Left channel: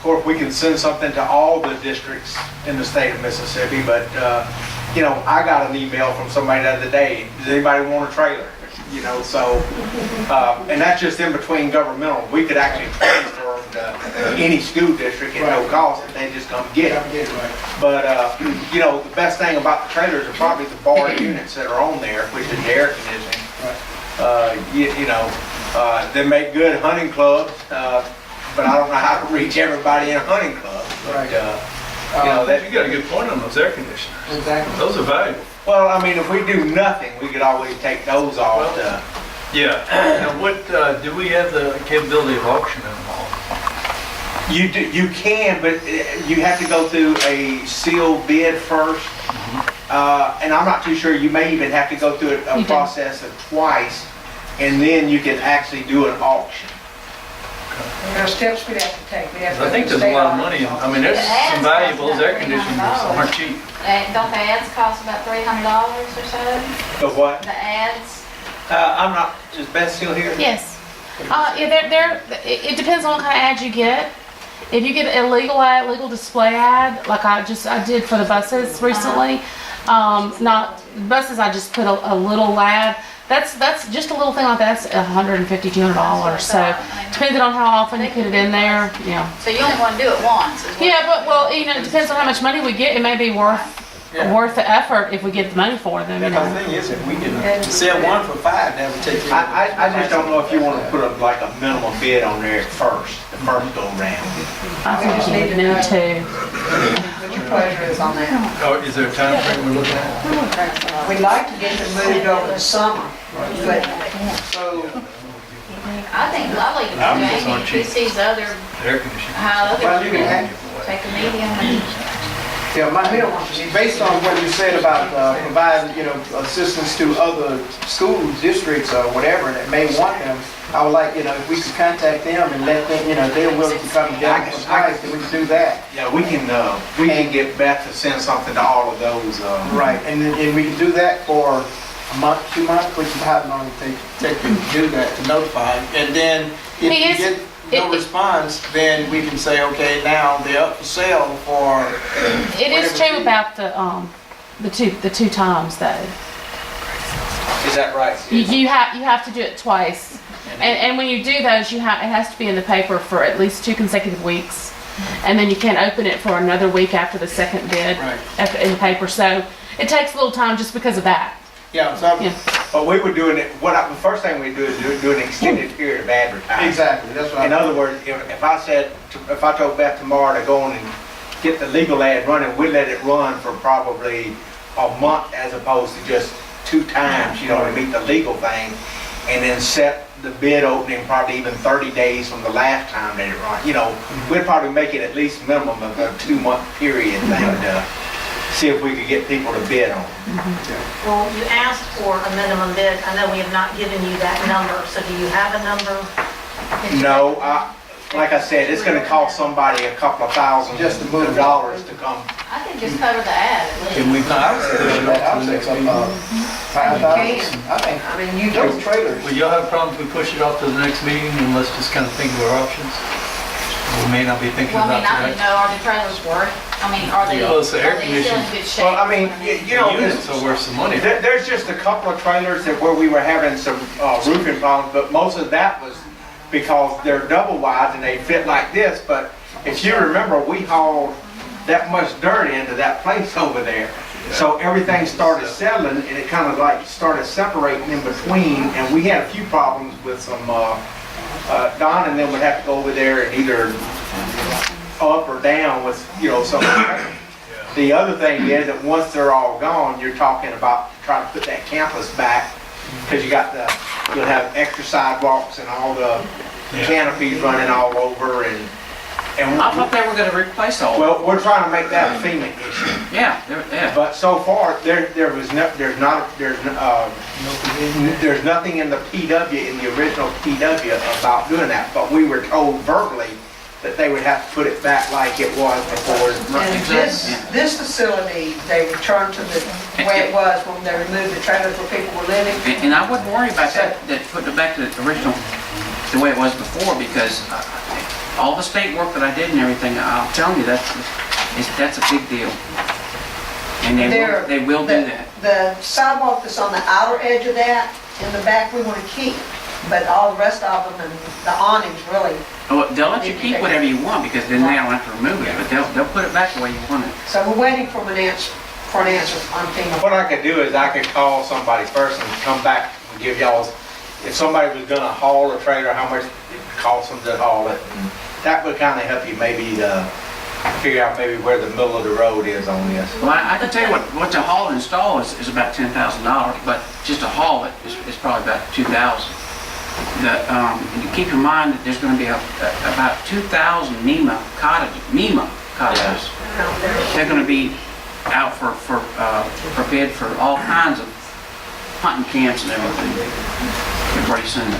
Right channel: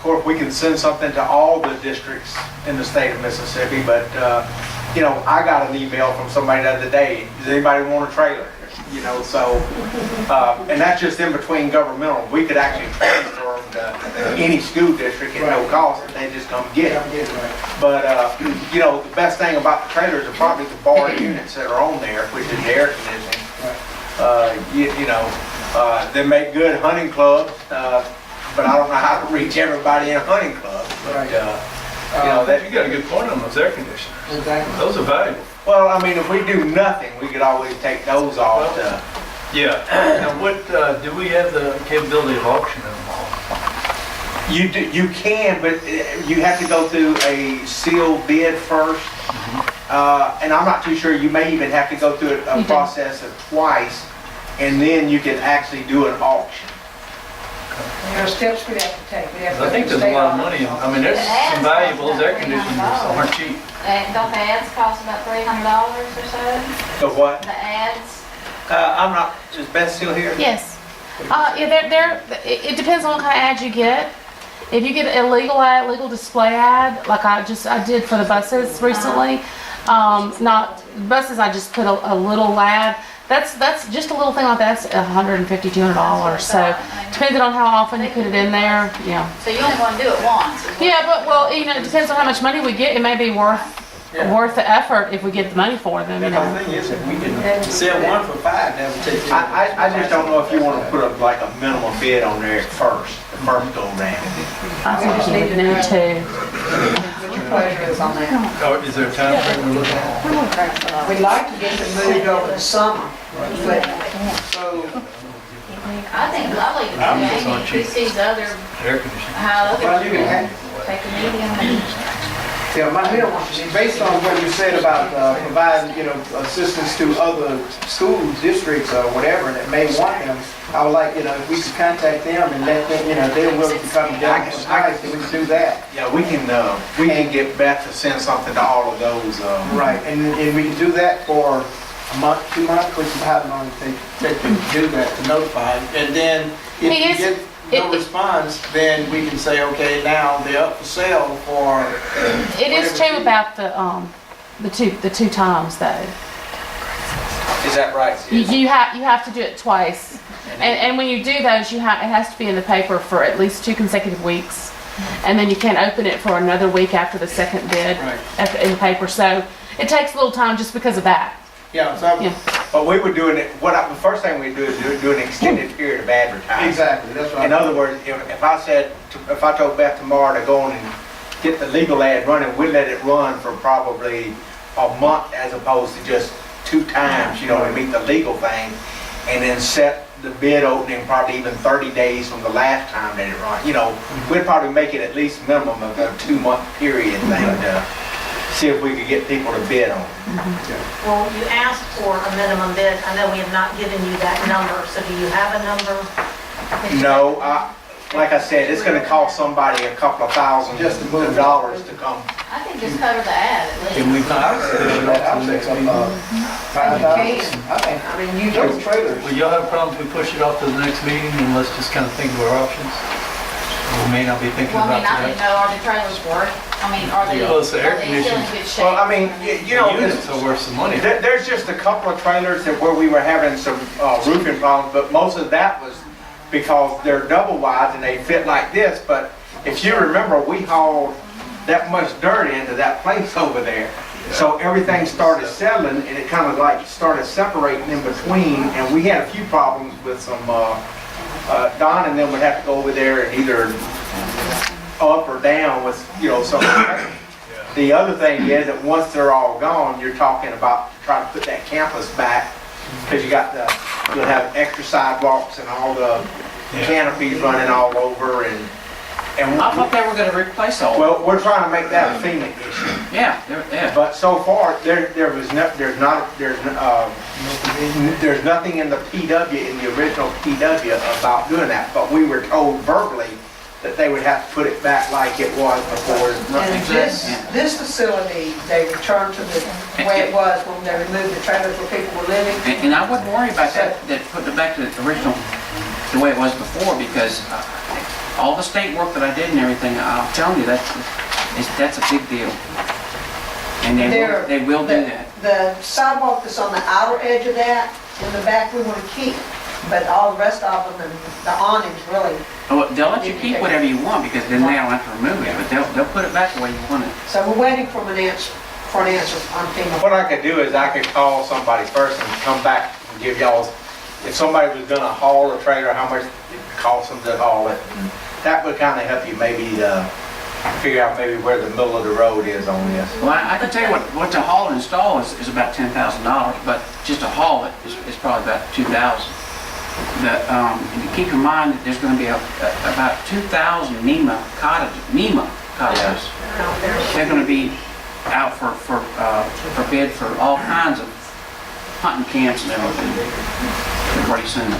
Of course, we can send something to all the districts in the state of Mississippi, but, you know, I got an email from somebody the other day, does anybody want a trailer? You know, so, and that's just in between governmental. We could actually transfer them to any school district at no cost, and they just come get it. But, you know, the best thing about the trailers are probably the bar units that are on there, which is the air conditioning. You know, they make good hunting clubs, but I don't know how to reach everybody in a hunting club. But, you know, that, You got a good point on those air conditioners. Exactly. Those are valuable. well, I mean, if we do nothing, we could always take those off. Yeah. Now, what, do we have the capability of auctioning them all? You can, but you have to go through a sealed bid first. And I'm not too sure, you may even have to go through a process of twice, and then you can actually do an auction. There are steps we'd have to take. We'd have to I think there's a lot of money. I mean, there's some valuables. Air conditioners aren't cheap. Don't the ads cost about $300 or so? The what? The ads? I'm not, is Beth still here? Yes. Yeah, it depends on what kind of ad you get. If you get a legal ad, legal display ad, like I did for the buses recently. Not buses, I just put a little ad. That's just a little thing like that. That's $150, $200. So depending on how often you put it in there, yeah. So you only want to do it once? is what Yeah, you're but well, you know, it depends on how much money we get. It may be worth the effort if we get the money for them. You The know. thing is, if we can sell one for $5, that would take care of it. I just don't know if you want to put like a minimum bid on there at first, the first go round. I think you need to know too. What your pleasure is on that. Or is there a time frame we're looking at? We'd like to get them moved over the summer, but, so, I think I'll leave it I'm to just on Jamie. He cheap. sees other, Air conditioning. how Well, other you can people take a medium and Yeah, we don't want to. based on what you said about providing, you know, assistance to other school districts or whatever that may want them, I would like, you know, if we could contact them and let them, you know, if they're willing to come down for price, then we can do that. Yeah, we can get Beth to send something to all of those. Right, and we can do that for a month, 2 months, which is how long it takes to do that, to notify. And then if He you is- get no it- response, then we can say, okay, now they're up for sale for. It is whatever true fee. about the two times though. Is that right? You have to do it twice, and when you do those, it has to be in the paper for at least 2 consecutive weeks, and then you can't open it for another week after the second bid Right. in the paper. So it takes a little time just because of that. Yeah, so, Yeah. But we were doing it, the first thing we do is do an extended period of advertising. exactly, that's what In I. other words, if I told Beth tomorrow to go on and get the legal ad running, we'd let it run for probably a month as opposed to just 2 times, you know, to meet the legal thing, and then set the bid opening probably even 30 days from the last time that it run. You know, we'd probably make it at least minimum of a 2-month period thing to see if we could get people to bid on it. Well, you asked for a minimum bid. I know we have not given you that number, so do you have a number? No, like I said, it's gonna cost somebody a couple of thousand Just to move it. dollars to come. I think just cover the ad at least. Can we? No, I would say, I would say some, $5,000. can. I think, I mean, you those don't. trailers. Will y'all have a problem if we push it off to the next meeting and let's just kind of think of our options? We may not be thinking Well, I about mean, I didn't that. know, are the trailers worth? I mean, are they Yeah, well, it's the air still in conditioning. good shape? Well, I mean, you know, The units are worth some money. there's just a couple of trailers where we were having some roofing problems, but most of that was because they're double wides and they fit like this, but if you remember, we hauled that much dirt into that place over there. So everything started settling and it kind of like started separating in between, and we had a few problems with some, Don and them would have to go over there and either up or down with, you know, some. The other thing is that once they're all gone, you're talking about trying to put that campus back, because you'll have extra sidewalks and all the canopies running all over, and I thought they were gonna replace all of well, we're trying to make that a FEMA issue. them. Yeah, yeah. But so far, there's nothing in the PW, in the original PW about doing that, but we were told verbally that they would have to put it back like it was before. And this facility, they returned to the way it was when they removed the trailers where people were living. And I wouldn't worry about that putting it back to the original, the way it was before, because all the state work that I did and everything, I'm telling you, that's a big deal. And they will do that. The sidewalk that's on the outer edge of that, in the back, we want to keep, but all the rest of them and the awnings really. Oh, they'll let you keep whatever you want because then they don't have to remove it, but they'll put it back the way you want it. So we're waiting for an answer on FEMA. What I could do is I could call somebody first and come back and give y'all, if somebody was gonna haul a trailer, how much it costs them to haul it. And that would kind of help you maybe figure out maybe where the middle of the road is on this. Well, I can tell you what to haul and install is about $10,000, but just to haul it is probably about $2,000. And keep in mind that there's going to be about 2,000 MEMA cottages. They're going to be out for bid for all kinds of hunting camps and everything pretty soon.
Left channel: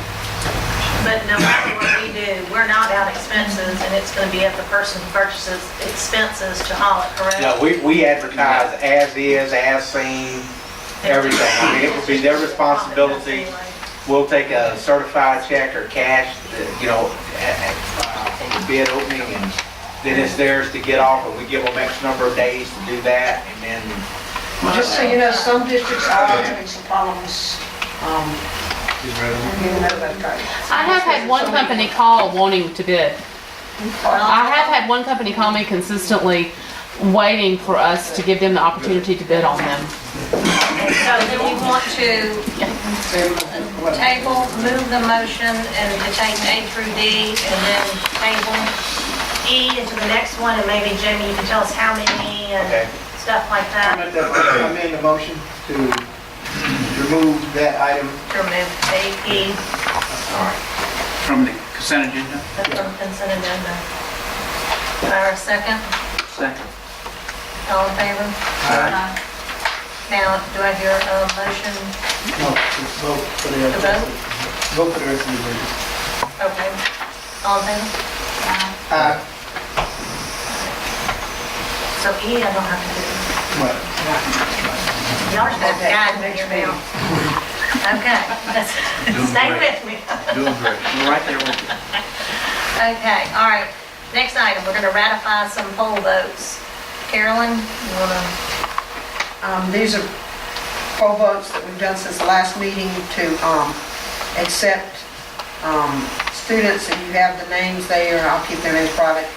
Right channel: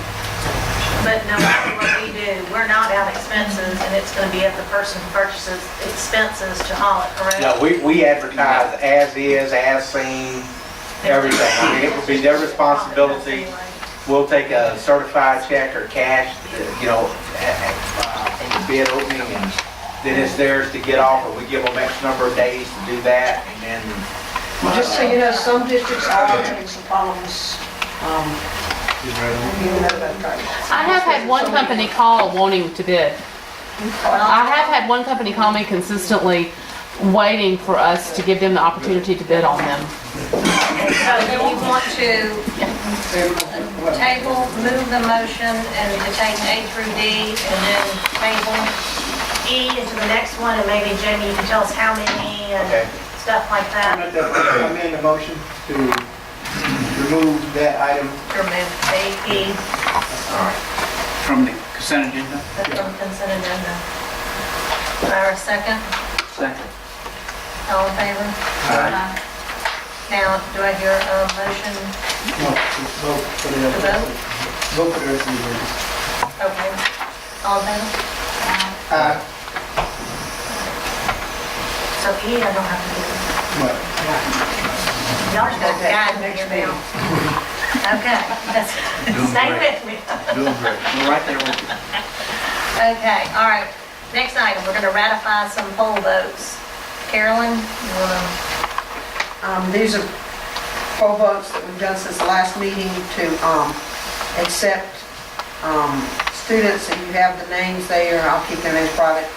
But no matter what we do, we're not out expenses, and it's gonna be up the person who purchases expenses to haul it, correct? No, we advertise as is, as seen, everything. I mean, it would be their responsibility. We'll take a certified check or cash, from the bid opening, and then it's theirs to get off, and we give them X number of days to do that, and then. Just so you know, some districts are having some problems, getting rid of that trailer. I have had one company call wanting to bid. I have had one company call me consistently waiting for us to give them the opportunity to bid on them. So then we want to move the motion and to take A through D, and then table E into the next one, and maybe Jamie, you can tell us how many Okay. and stuff like that. I made a motion to remove that item. Remove A, E, From the consent agenda? from consent agenda. Do I have a second? Second. All in favor? Now, do I hear a motion No, just vote for the to other. vote? Vote for the rest of the agenda. Okay. All in favor? So E, I don't have to do. What? Y'all just got to guide me here now. Okay, stay with me. Doing great. We're right there with you. Okay, all right. Next item, we're going to ratify some poll votes. Carolyn, you want to? These are poll votes that we've done since the last meeting to accept students, and you have the names there. I'll keep their names private.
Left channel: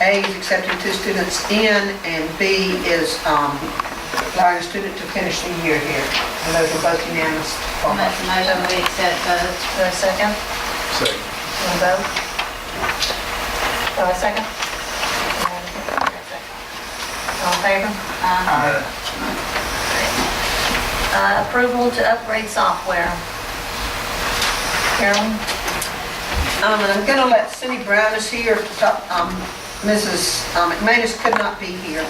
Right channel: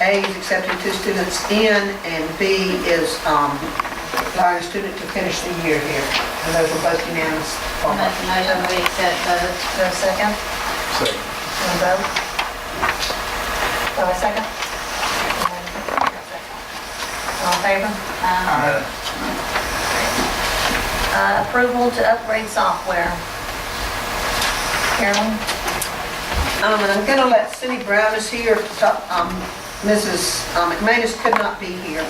A is accepting 2 students in, and B is allowing a student to finish the year here. And those are both unanimous. I'll make the motion, we accept those. Is there a second? Second. Want to vote? A second? All in favor? Approval to upgrade software. Carolyn? And I'm going to let Cindy Brown is here. Mrs. McManus could not be here.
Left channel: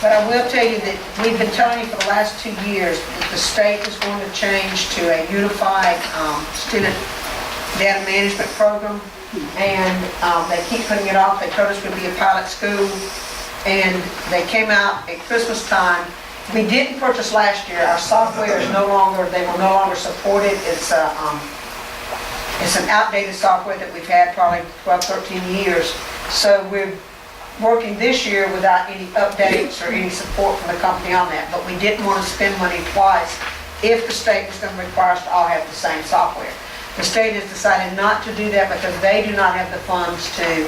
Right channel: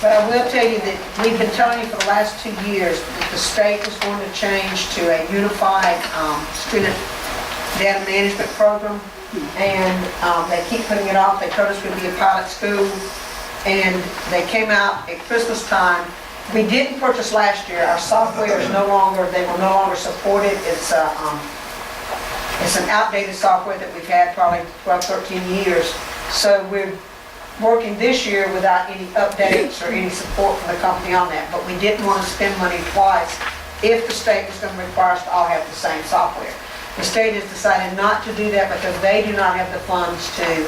But I will tell you that we've been telling you for the last 2 years that the state is going to change to a unified student data management program. And they keep putting it off. They told us we'd be a pilot school. And they came out at Christmas time. We didn't purchase last year. Our software is no longer, they will no longer support it. It's an outdated software that we've had probably 12, 13 years. So we're working this year without any updates or any support from the company on that. But we didn't want to spend money twice if the state was going to require us to all have the same software. The state has decided not to do that because they do not have the funds to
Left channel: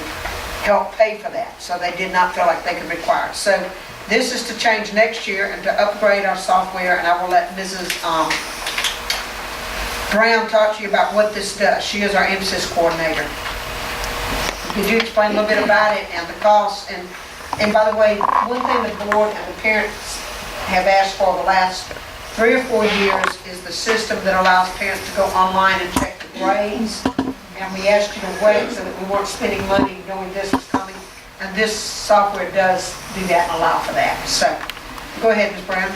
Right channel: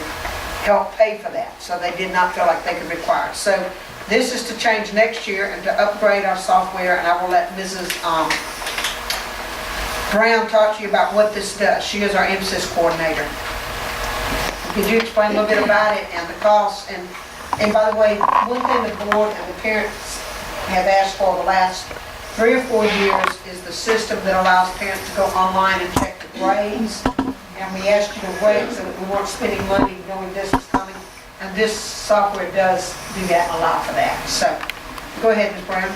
help pay for that. So they did not feel like they could require it. So this is to change next year and to upgrade our software, and I will let Mrs. Brown talk to you about what this does. She is our MSIS coordinator. Could you explain a little bit about it and the costs? And by the way, one thing the board and the parents have asked for the last 3 or 4 years is the system that allows parents to go online and check the grades. And we asked you to wait so that we weren't spending money knowing this was coming. And this software does do that and allow for that. So, go ahead, Ms. Brown.